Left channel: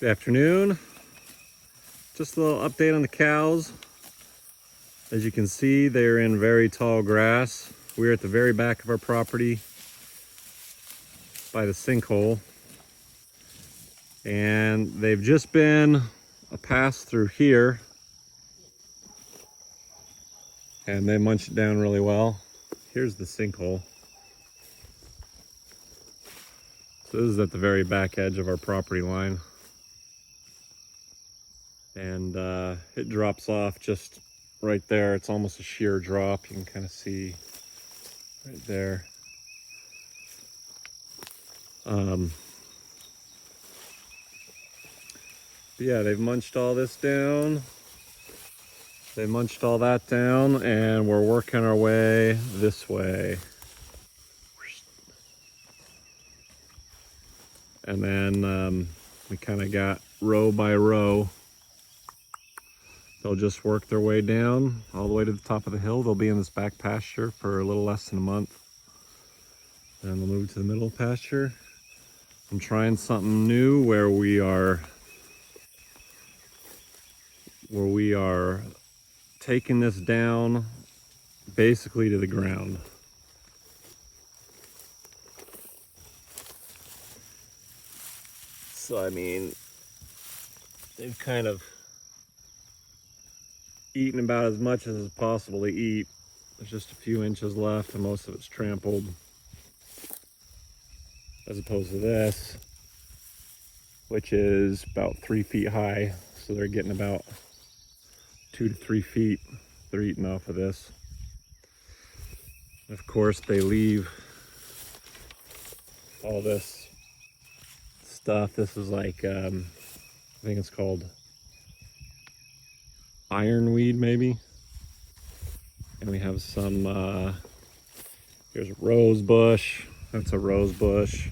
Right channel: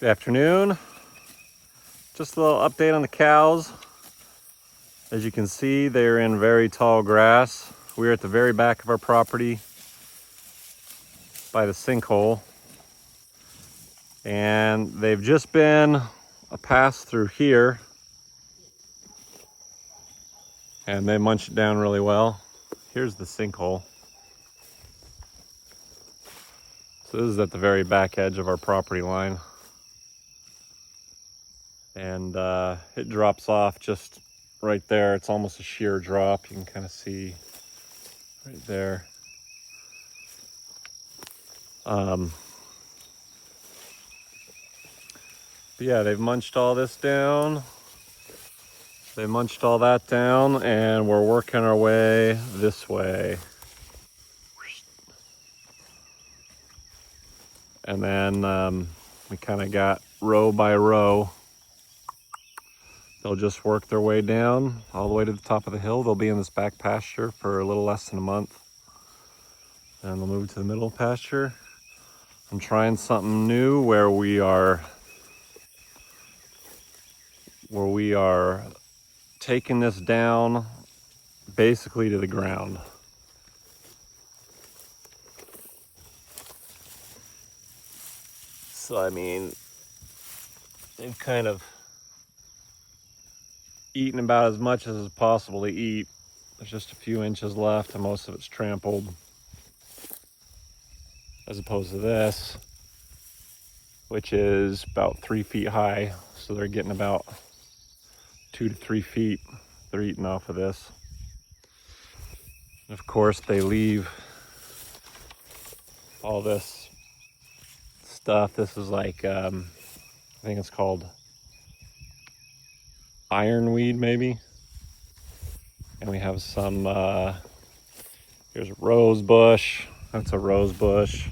Good afternoon. Just a little update on the cows. As you can see, they're in very tall grass. We're at the very back of our property by the sinkhole. And they've just been a pass through here. And they munch it down really well. Here's the sinkhole. So this is at the very back edge of our property line. And it drops off just right there. It's almost a sheer drop. You can kind of see right there. But yeah, they've munched all this down. They munched all that down, and we're working our way this way. And then we kind of got row by row. They'll just work their way down all the way to the top of the hill. They'll be in this back pasture for a little less than a month. And they'll move to the middle pasture. I'm trying something new where we are taking this down basically to the ground. So I mean, they've kind of eaten about as much as is possible to eat. There's just a few inches left and most of it's trampled. As opposed to this, which is about 3 feet high. So they're getting about 2 to 3 feet they're eating off of this. And of course, they leave all this stuff. This is like, I think it's called ironweed maybe. And we have some, here's a rose bush. That's a rose bush.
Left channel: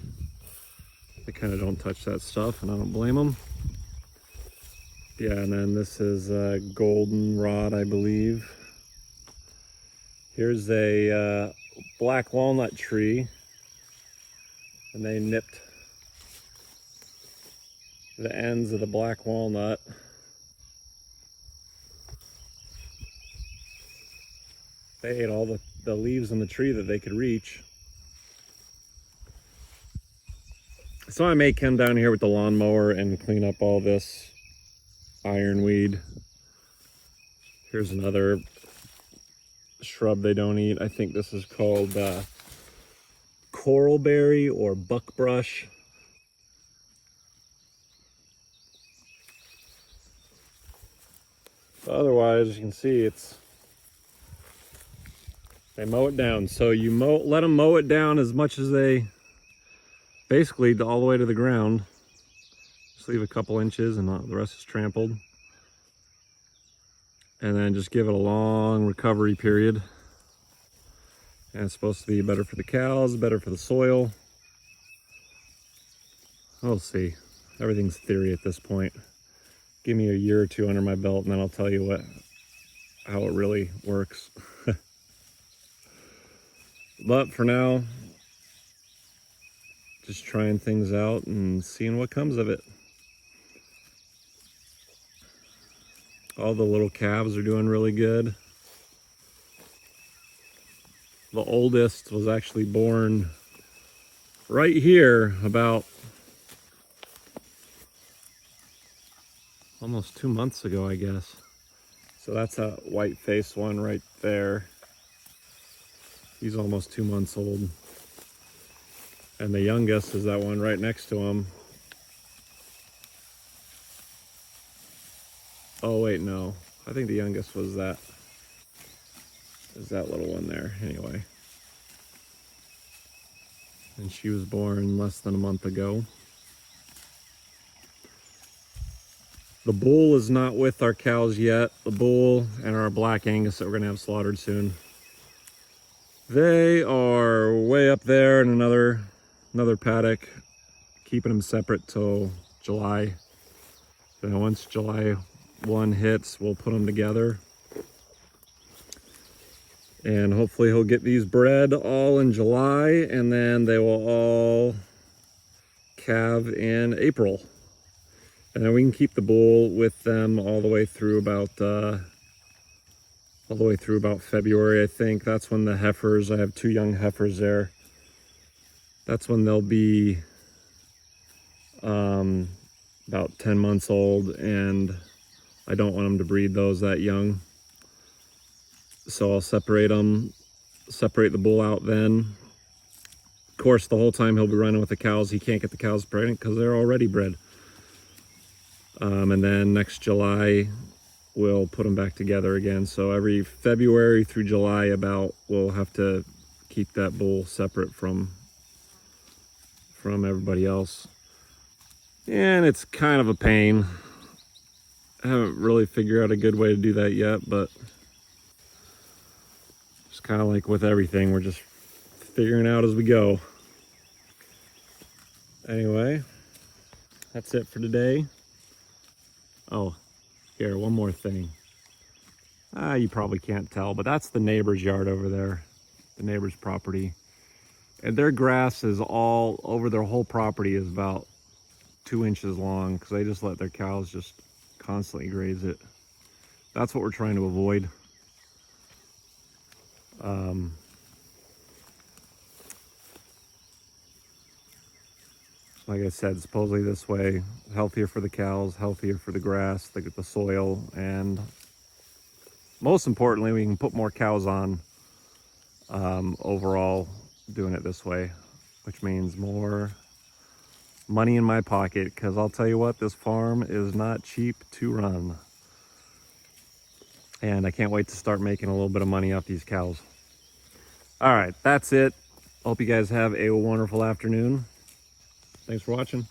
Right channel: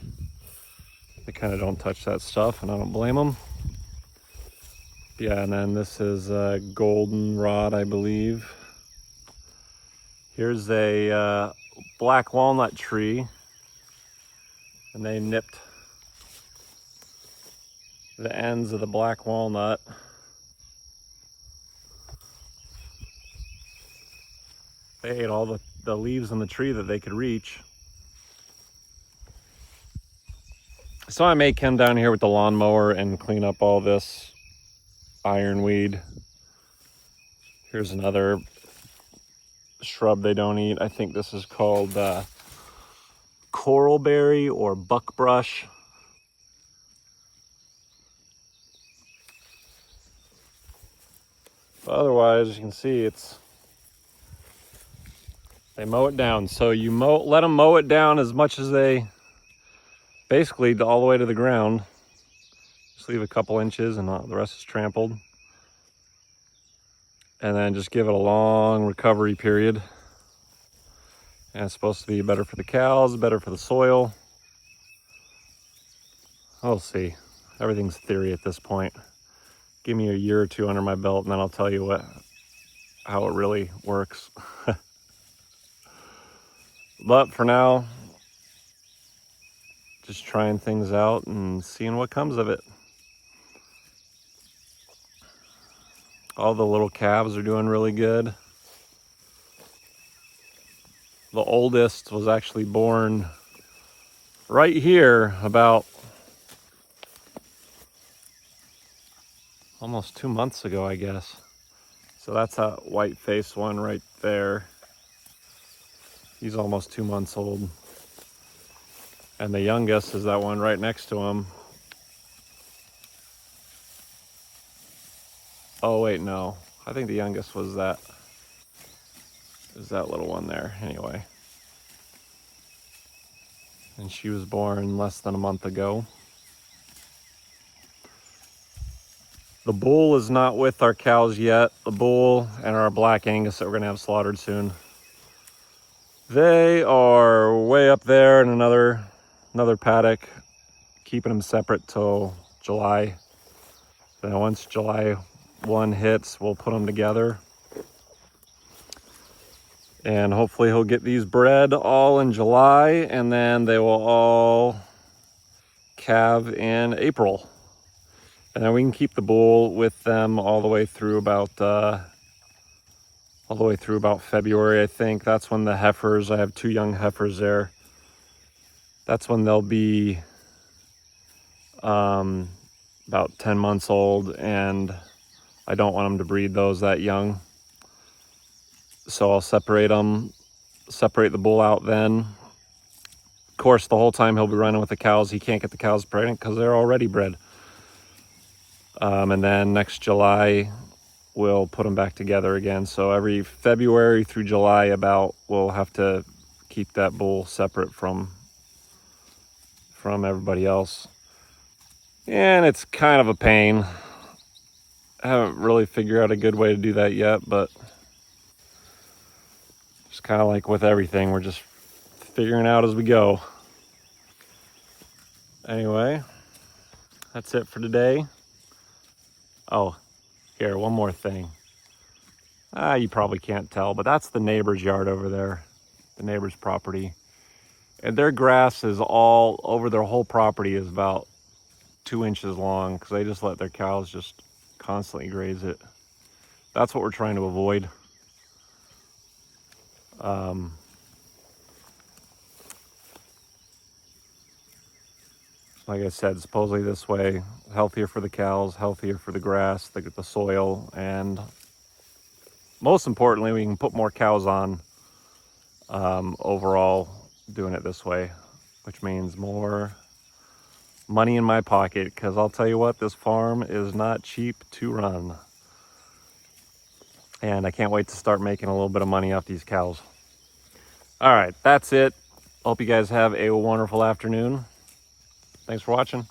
They kind of don't touch that stuff, and I don't blame them. Yeah, and then this is a goldenrod, I believe. Here's a black walnut tree, and they nipped the ends of the black walnut. They ate all the leaves on the tree that they could reach. So I may come down here with the lawnmower and clean up all this ironweed. Here's another shrub they don't eat. I think this is called coralberry or buckbrush. But otherwise, you can see they mow it down. So you let them mow it down as much as they basically all the way to the ground. Just leave a couple inches and the rest is trampled. And then just give it a long recovery period. And it's supposed to be better for the cows, better for the soil. We'll see. Everything's theory at this point. Give me a year or two under my belt and then I'll tell you how it really works. But for now, just trying things out and seeing what comes of it. All the little calves are doing really good. The oldest was actually born right here about almost 2 months ago, I guess. So that's a white-faced one right there. He's almost 2 months old. And the youngest is that one right next to him. Oh wait, no. I think the youngest was that little one there anyway. And she was born less than a month ago. The bull is not with our cows yet. The bull and our black Angus that we're gonna have slaughtered soon. They are way up there in another paddock, keeping them separate till July. Then once July 1 hits, we'll put them together. And hopefully he'll get these bred all in July, and then they will all calve in April. And then we can keep the bull with them all the way through about February, I think. That's when the heifers, I have 2 young heifers there. That's when they'll be about 10 months old, and I don't want them to breed those that young. So I'll separate the bull out then. Of course, the whole time he'll be running with the cows. He can't get the cows pregnant because they're already bred. And then next July, we'll put them back together again. So every February through July we'll have to keep that bull separate from everybody else. And it's kind of a pain. I haven't really figured out a good way to do that yet, but it's kind of like with everything, we're just figuring out as we go. Anyway, that's it for today. Oh, here, one more thing. You probably can't tell, but that's the neighbor's yard over there, the neighbor's property. And their grass is all over their whole property, is about 2 inches long, because they just let their cows just constantly graze it. That's what we're trying to avoid. Like I said, supposedly this way, healthier for the cows, healthier for the grass, the soil, and most importantly, we can put more cows on overall doing it this way, which means more money in my pocket, because I'll tell you what, this farm is not cheap to run. And I can't wait to start making a little bit of money off these cows. All right, that's it. Hope you guys have a wonderful afternoon. Thanks for watching.